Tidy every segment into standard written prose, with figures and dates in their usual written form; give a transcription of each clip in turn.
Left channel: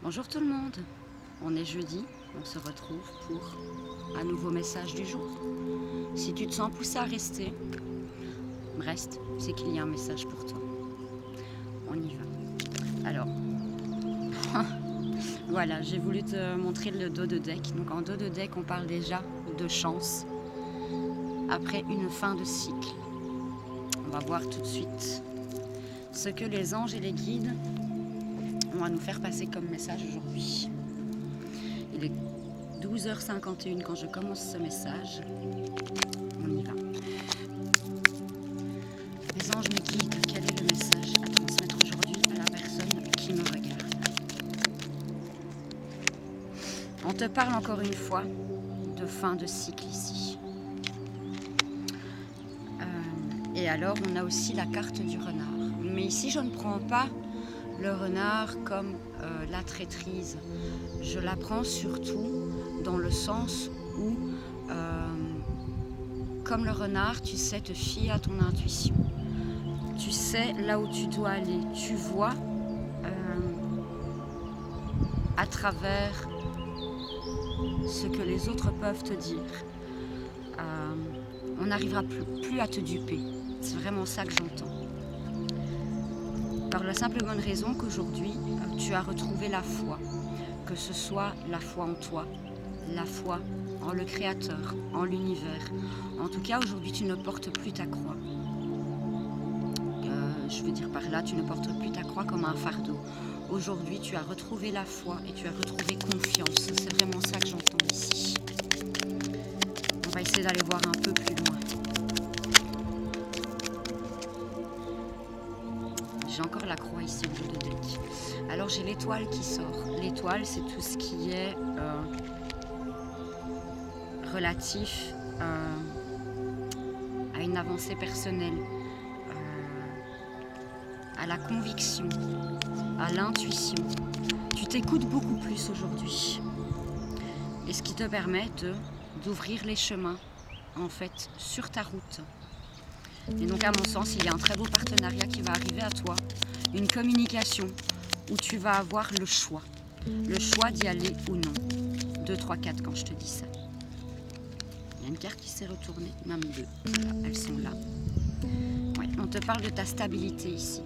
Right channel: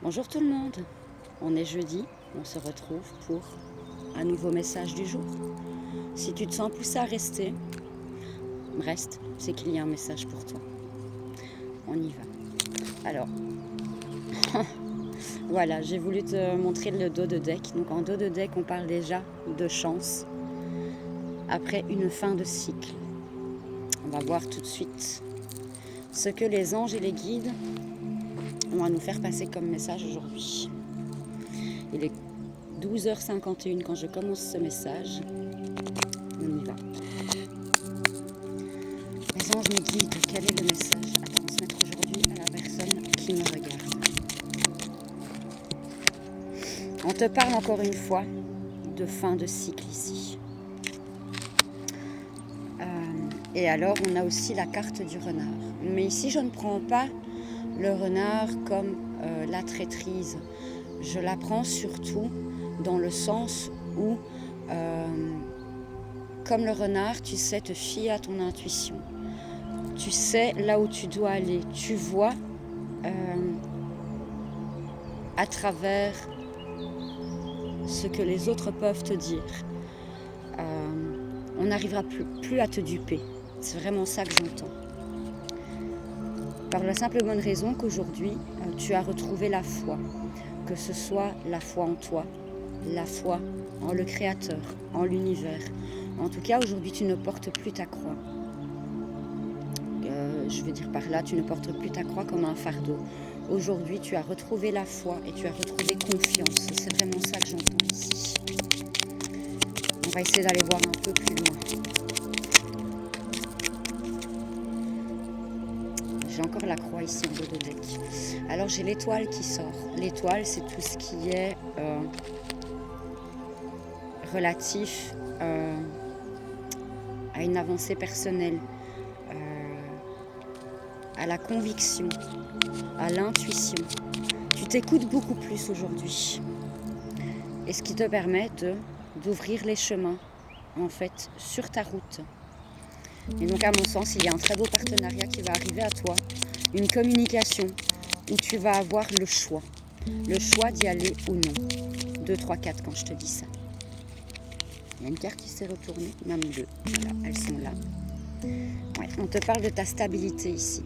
Bonjour tout le monde, on est jeudi, on se retrouve pour un nouveau message du jour. Si tu te sens poussé à rester, reste, c'est qu'il y a un message pour toi. On y va. Alors, voilà, j'ai voulu te montrer le dos de deck. Donc en dos de deck, on parle déjà de chance après une fin de cycle. On va voir tout de suite ce que les anges et les guides ont à nous faire passer comme message aujourd'hui. Il est 12h51 quand je commence ce message. On y va. Les anges me guident. Quel est le message à transmettre aujourd'hui à la personne qui me regarde? On te parle encore une fois de fin de cycle ici. Et alors, on a aussi la carte du renard. Mais ici, je ne prends pas le renard comme la traîtrise. Je la prends surtout dans le sens où, comme le renard, tu sais te fier à ton intuition. Tu sais là où tu dois aller. Tu vois à travers ce que les autres peuvent te dire. On n'arrivera plus à te duper. C'est vraiment ça que j'entends. Par la simple et bonne raison qu'aujourd'hui, tu as retrouvé la foi. Que ce soit la foi en toi, la foi en le Créateur, en l'univers. En tout cas, aujourd'hui, tu ne portes plus ta croix. Je veux dire par là, tu ne portes plus ta croix comme un fardeau. Aujourd'hui, tu as retrouvé la foi et tu as retrouvé confiance. C'est vraiment ça que j'entends ici. On va essayer d'aller voir un peu plus loin. J'ai encore la croix ici en dos de deck. Alors j'ai l'étoile qui sort. L'étoile, c'est tout ce qui est relatif à une avancée personnelle, à la conviction, à l'intuition. Tu t'écoutes beaucoup plus aujourd'hui. Et ce qui te permet d'ouvrir les chemins, en fait, sur ta route. Et donc, à mon sens, il y a un très beau partenariat qui va arriver à toi. Une communication où tu vas avoir le choix. Le choix d'y aller ou non. 2, 3, 4 quand je te dis ça. Il y a une carte qui s'est retournée, même deux. Voilà, elles sont là. Ouais, on te parle de ta stabilité ici.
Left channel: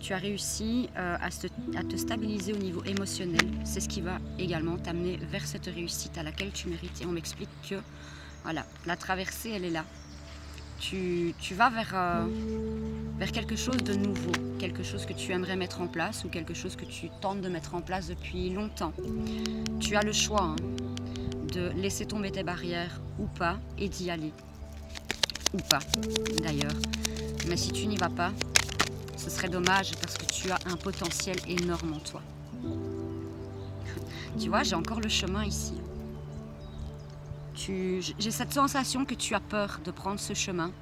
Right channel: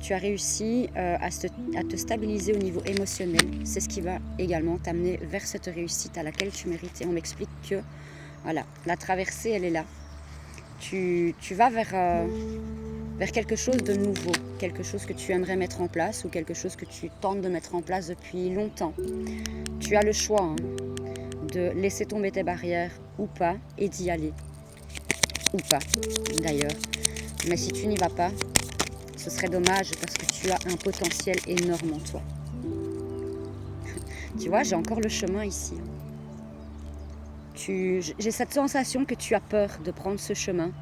Tu as réussi à te stabiliser au niveau émotionnel. C'est ce qui va également t'amener vers cette réussite à laquelle tu mérites. Et on m'explique que voilà, la traversée, elle est là. Tu vas vers quelque chose de nouveau, quelque chose que tu aimerais mettre en place ou quelque chose que tu tentes de mettre en place depuis longtemps. Tu as le choix de laisser tomber tes barrières ou pas et d'y aller. Ou pas, d'ailleurs. Mais si tu n'y vas pas, ce serait dommage parce que tu as un potentiel énorme en toi. Tu vois, j'ai encore le chemin ici. J'ai cette sensation que tu as peur de prendre ce chemin,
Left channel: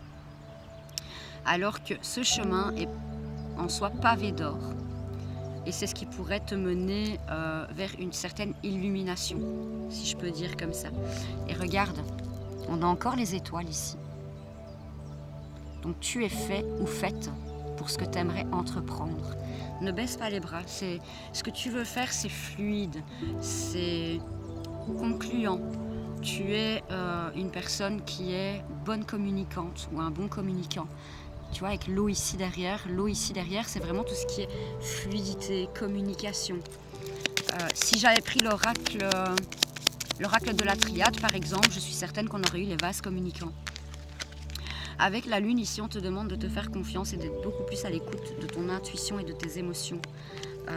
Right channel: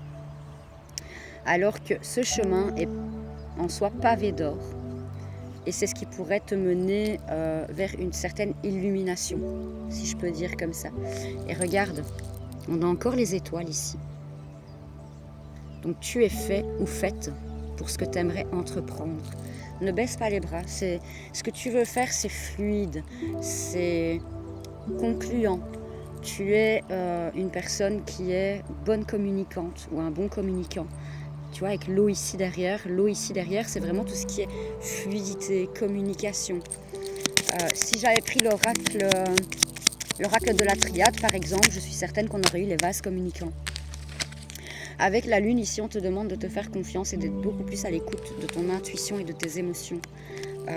alors que ce chemin est en soi pavé d'or. Et c'est ce qui pourrait te mener vers une certaine illumination, si je peux dire comme ça. Et regarde, on a encore les étoiles ici. Donc tu es fait ou faite pour ce que tu aimerais entreprendre. Ne baisse pas les bras. Ce que tu veux faire, c'est fluide, c'est concluant. Tu es une personne qui est bonne communicante ou un bon communicant. Tu vois, avec l'eau ici derrière, c'est vraiment tout ce qui est fluidité, communication. Si j'avais pris l'oracle de la triade, par exemple, je suis certaine qu'on aurait eu les vases communicants. Avec la lune, ici, on te demande de te faire confiance et d'être beaucoup plus à l'écoute de ton intuition et de tes émotions.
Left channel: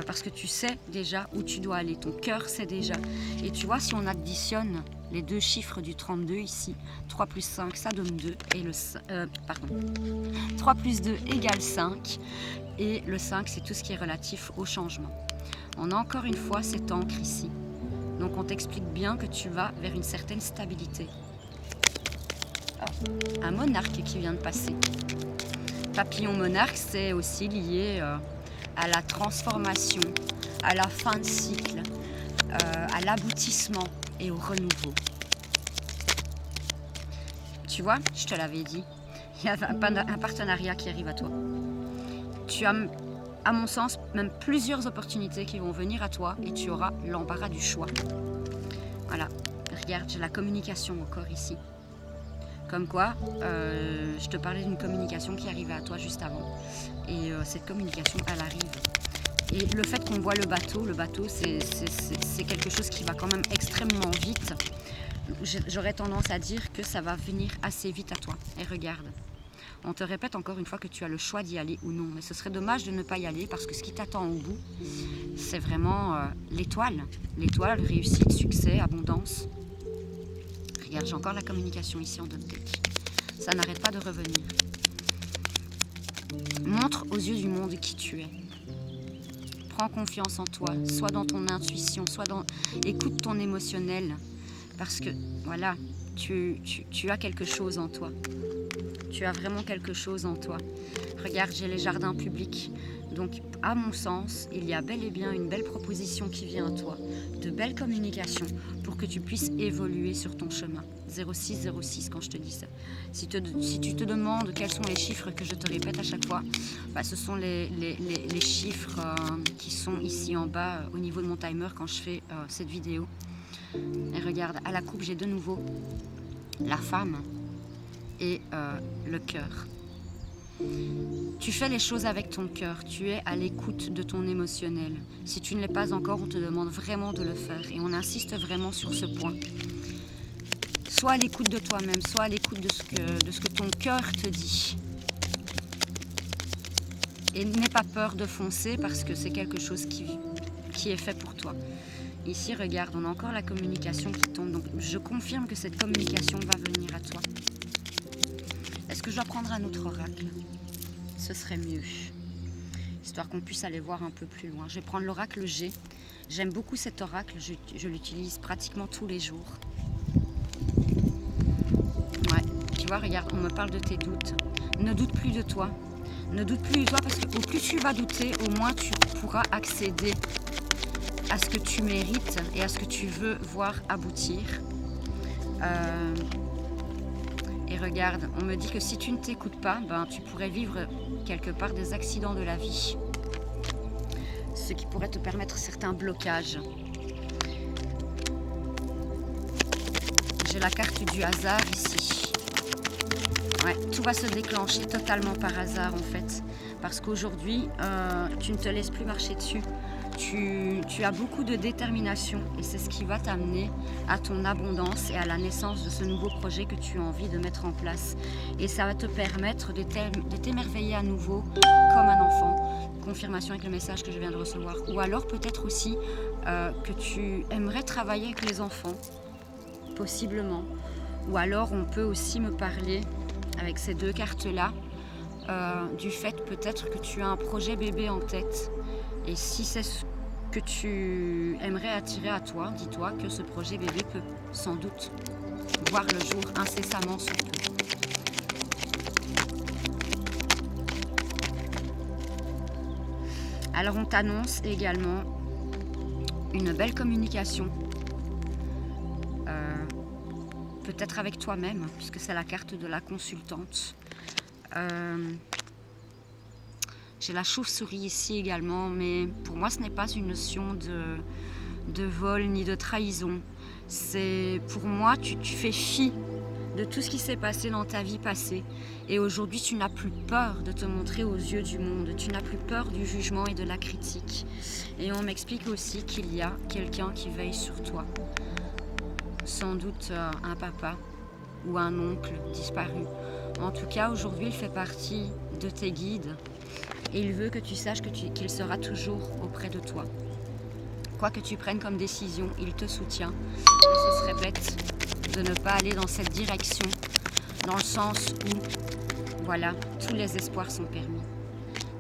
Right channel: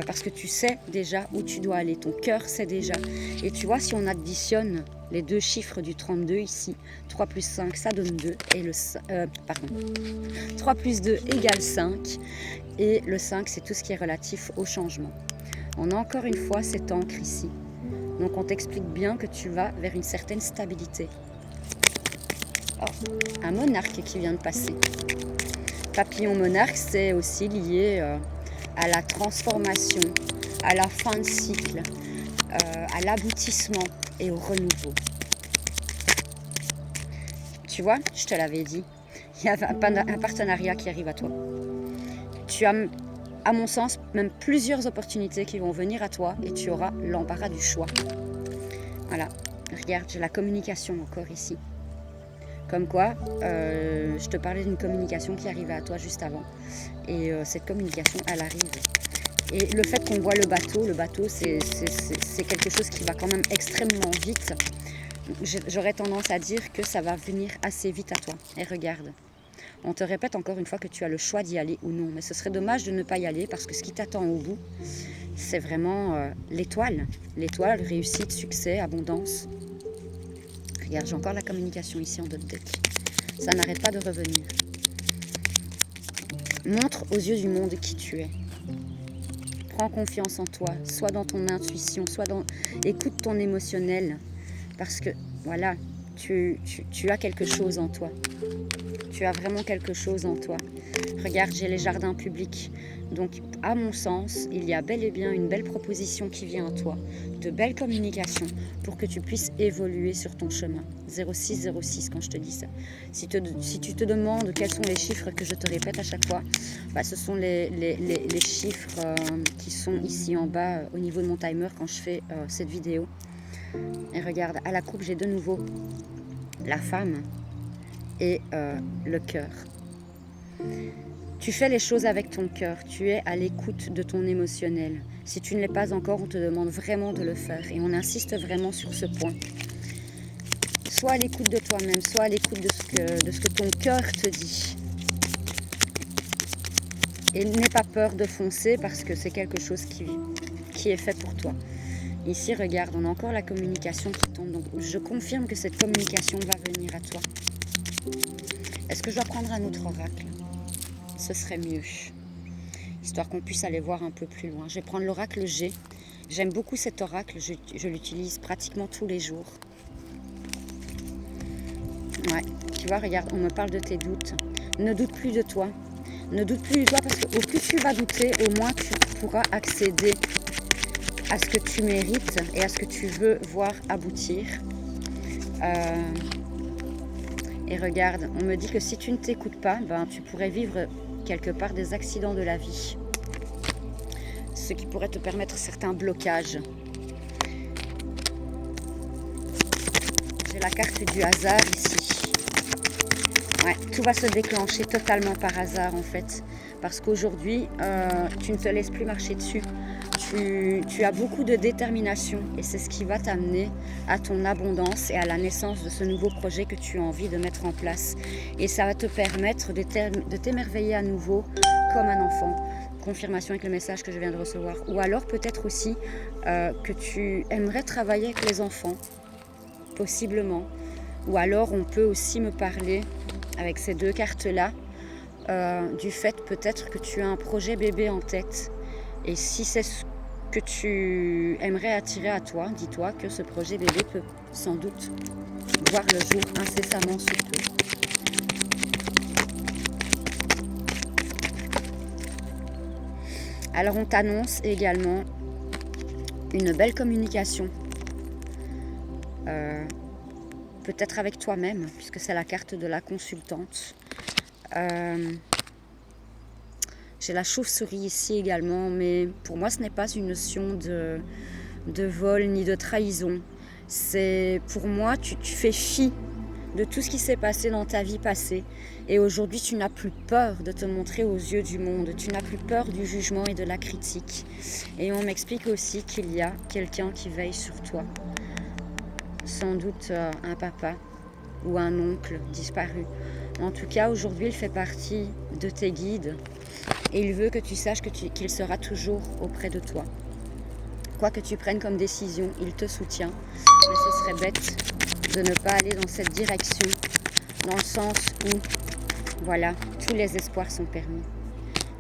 Parce que tu sais déjà où tu dois aller, ton cœur sait déjà. Et tu vois, si on additionne les deux chiffres du 32 ici, 3 plus 5, ça donne 2. Et 3 plus 2 égale 5. Et le 5, c'est tout ce qui est relatif au changement. On a encore une fois cette encre ici. Donc on t'explique bien que tu vas vers une certaine stabilité. Un monarque qui vient de passer. Papillon monarque, c'est aussi lié à la transformation, à la fin de cycle, à l'aboutissement et au renouveau. Tu vois, je te l'avais dit, il y a un partenariat qui arrive à toi. Tu as à mon sens, même plusieurs opportunités qui vont venir à toi et tu auras l'embarras du choix. Voilà, regarde, j'ai la communication encore ici. Comme quoi, je te parlais d'une communication qui arrivait à toi juste avant. Et cette communication, elle arrive. Et le fait qu'on voit le bateau, c'est quelque chose qui va quand même extrêmement vite. J'aurais tendance à dire que ça va venir assez vite à toi. Et regarde, on te répète encore une fois que tu as le choix d'y aller ou non. Mais ce serait dommage de ne pas y aller parce que ce qui t'attend au bout, c'est vraiment l'étoile. L'étoile, réussite, succès, abondance. Regarde, j'ai encore la communication ici en dot deck. Ça n'arrête pas de revenir. Montre aux yeux du monde qui tu es. Prends confiance en toi, soit dans ton intuition, écoute ton émotionnel. Parce que, voilà, tu as quelque chose en toi. Tu as vraiment quelque chose en toi. Regarde, j'ai les jardins publics. Donc, à mon sens, il y a bel et bien une belle proposition qui vient à toi, de belles communications pour que tu puisses évoluer sur ton chemin. 0606 quand je te dis ça. Si tu te demandes quels sont les chiffres que je te répète à chaque fois, ce sont les chiffres qui sont ici en bas au niveau de mon timer quand je fais cette vidéo. Et regarde, à la coupe, j'ai de nouveau la femme et le cœur. Tu fais les choses avec ton cœur, tu es à l'écoute de ton émotionnel. Si tu ne l'es pas encore, on te demande vraiment de le faire et on insiste vraiment sur ce point. Sois à l'écoute de toi-même, sois à l'écoute de ce que ton cœur te dit. Et n'aie pas peur de foncer parce que c'est quelque chose qui est fait pour toi. Ici, regarde, on a encore la communication qui tombe. Donc, je confirme que cette communication va venir à toi. Est-ce que je dois prendre un autre oracle ? Ce serait mieux, histoire qu'on puisse aller voir un peu plus loin. Je vais prendre l'oracle G. J'aime beaucoup cet oracle, je l'utilise pratiquement tous les jours. Ouais, tu vois, regarde, on me parle de tes doutes. Ne doute plus de toi. Ne doute plus de toi parce que au plus tu vas douter, au moins tu pourras accéder à ce que tu mérites et à ce que tu veux voir aboutir. Et regarde, on me dit que si tu ne t'écoutes pas, tu pourrais vivre quelque part des accidents de la vie. Ce qui pourrait te permettre certains blocages. J'ai la carte du hasard ici. Ouais, tout va se déclencher totalement par hasard en fait. Parce qu'aujourd'hui, tu ne te laisses plus marcher dessus. Tu as beaucoup de détermination et c'est ce qui va t'amener à ton abondance et à la naissance de ce nouveau projet que tu as envie de mettre en place. Et ça va te permettre de t'émerveiller à nouveau comme un enfant. Confirmation avec le message que je viens de recevoir. Ou alors peut-être aussi que tu aimerais travailler avec les enfants, possiblement. Ou alors on peut aussi me parler avec ces deux cartes-là du fait peut-être que tu as un projet bébé en tête. Et si c'est ce que tu aimerais attirer à toi, dis-toi que ce projet bébé peut sans doute voir le jour incessamment sous peu. Alors on t'annonce également une belle communication, peut-être avec toi-même, puisque c'est la carte de la consultante. J'ai la chauve-souris ici également, mais pour moi ce n'est pas une notion de vol ni de trahison. C'est pour moi, tu fais fi de tout ce qui s'est passé dans ta vie passée. Et aujourd'hui, tu n'as plus peur de te montrer aux yeux du monde. Tu n'as plus peur du jugement et de la critique. Et on m'explique aussi qu'il y a quelqu'un qui veille sur toi. Sans doute un papa ou un oncle disparu. En tout cas, aujourd'hui, il fait partie de tes guides. Et il veut que tu saches qu'il sera toujours auprès de toi. Quoi que tu prennes comme décision, il te soutient. Mais ce serait bête de ne pas aller dans cette direction, dans le sens où, voilà, tous les espoirs sont permis.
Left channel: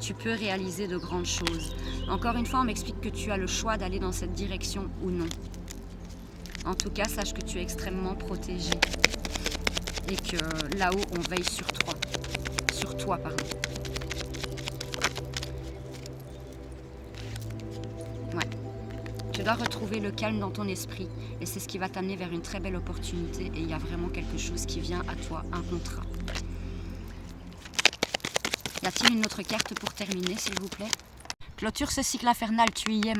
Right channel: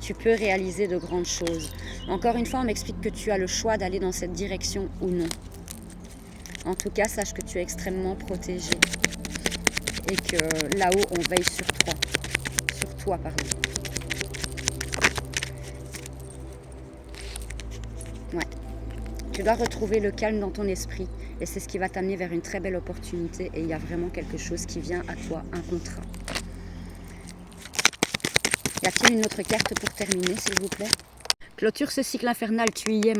Tu peux réaliser de grandes choses. Encore une fois, on m'explique que tu as le choix d'aller dans cette direction ou non. En tout cas, sache que tu es extrêmement protégé. Et que là-haut, on veille sur toi. Sur toi, pardon. Ouais. Tu dois retrouver le calme dans ton esprit et c'est ce qui va t'amener vers une très belle opportunité et il y a vraiment quelque chose qui vient à toi, un contrat. Y a-t-il une autre carte pour terminer, s'il vous plaît? Clôture ce cycle infernal, tu y es.